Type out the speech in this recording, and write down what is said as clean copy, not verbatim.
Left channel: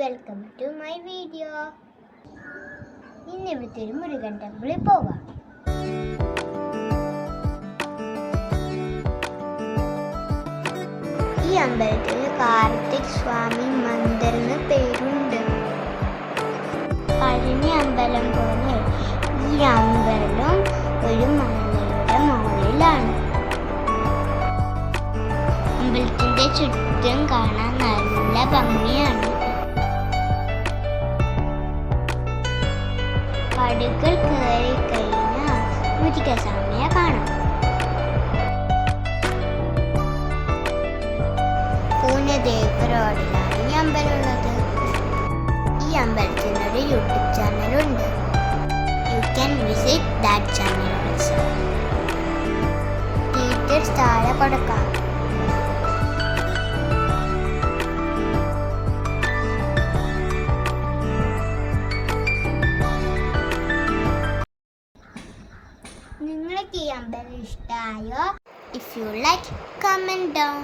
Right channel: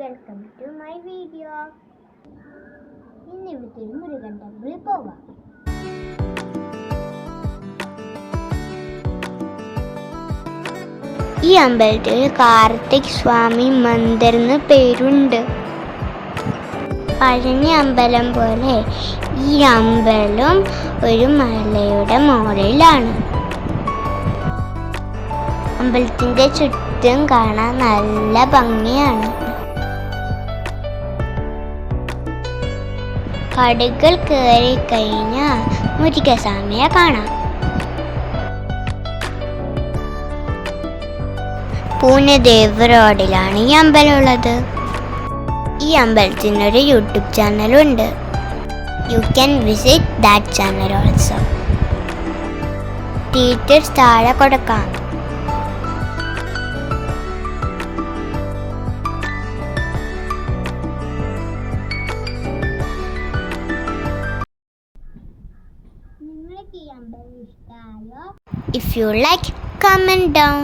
Welcome to my video. ഇന്ന് ഇവിടുത്തെ ഒരു മുരുകൻ ടെമ്പിളിൽ പോവാം. ഈ അമ്പലത്തിൽ കാർത്തിക് സ്വാമി മന്ദിർ എന്ന് പേരുണ്ട്. പഴനി അമ്പലം പോലെ ഈ അമ്പലം ഒരു മലയുടെ മുകളിലാണ്. അമ്പലത്തിൻ്റെ ചുറ്റും കാണാൻ നല്ല ഭംഗിയാണ്. പടികൾ കയറി കഴിഞ്ഞാൽ മുരുകസ്വാമിയെ കാണാം. പൂനെദേവ് റോഡിലാണ് ഈ അമ്പലം ഉള്ളത്. ഈ അമ്പലത്തിനൊരു യൂട്യൂബ് ചാനലുണ്ട്. You can visit that channel also. Details താഴെ കൊടുക്കാം. നിങ്ങൾക്ക് ഈ അമ്പലം ഇഷ്ടമായോ? If you like, comment down.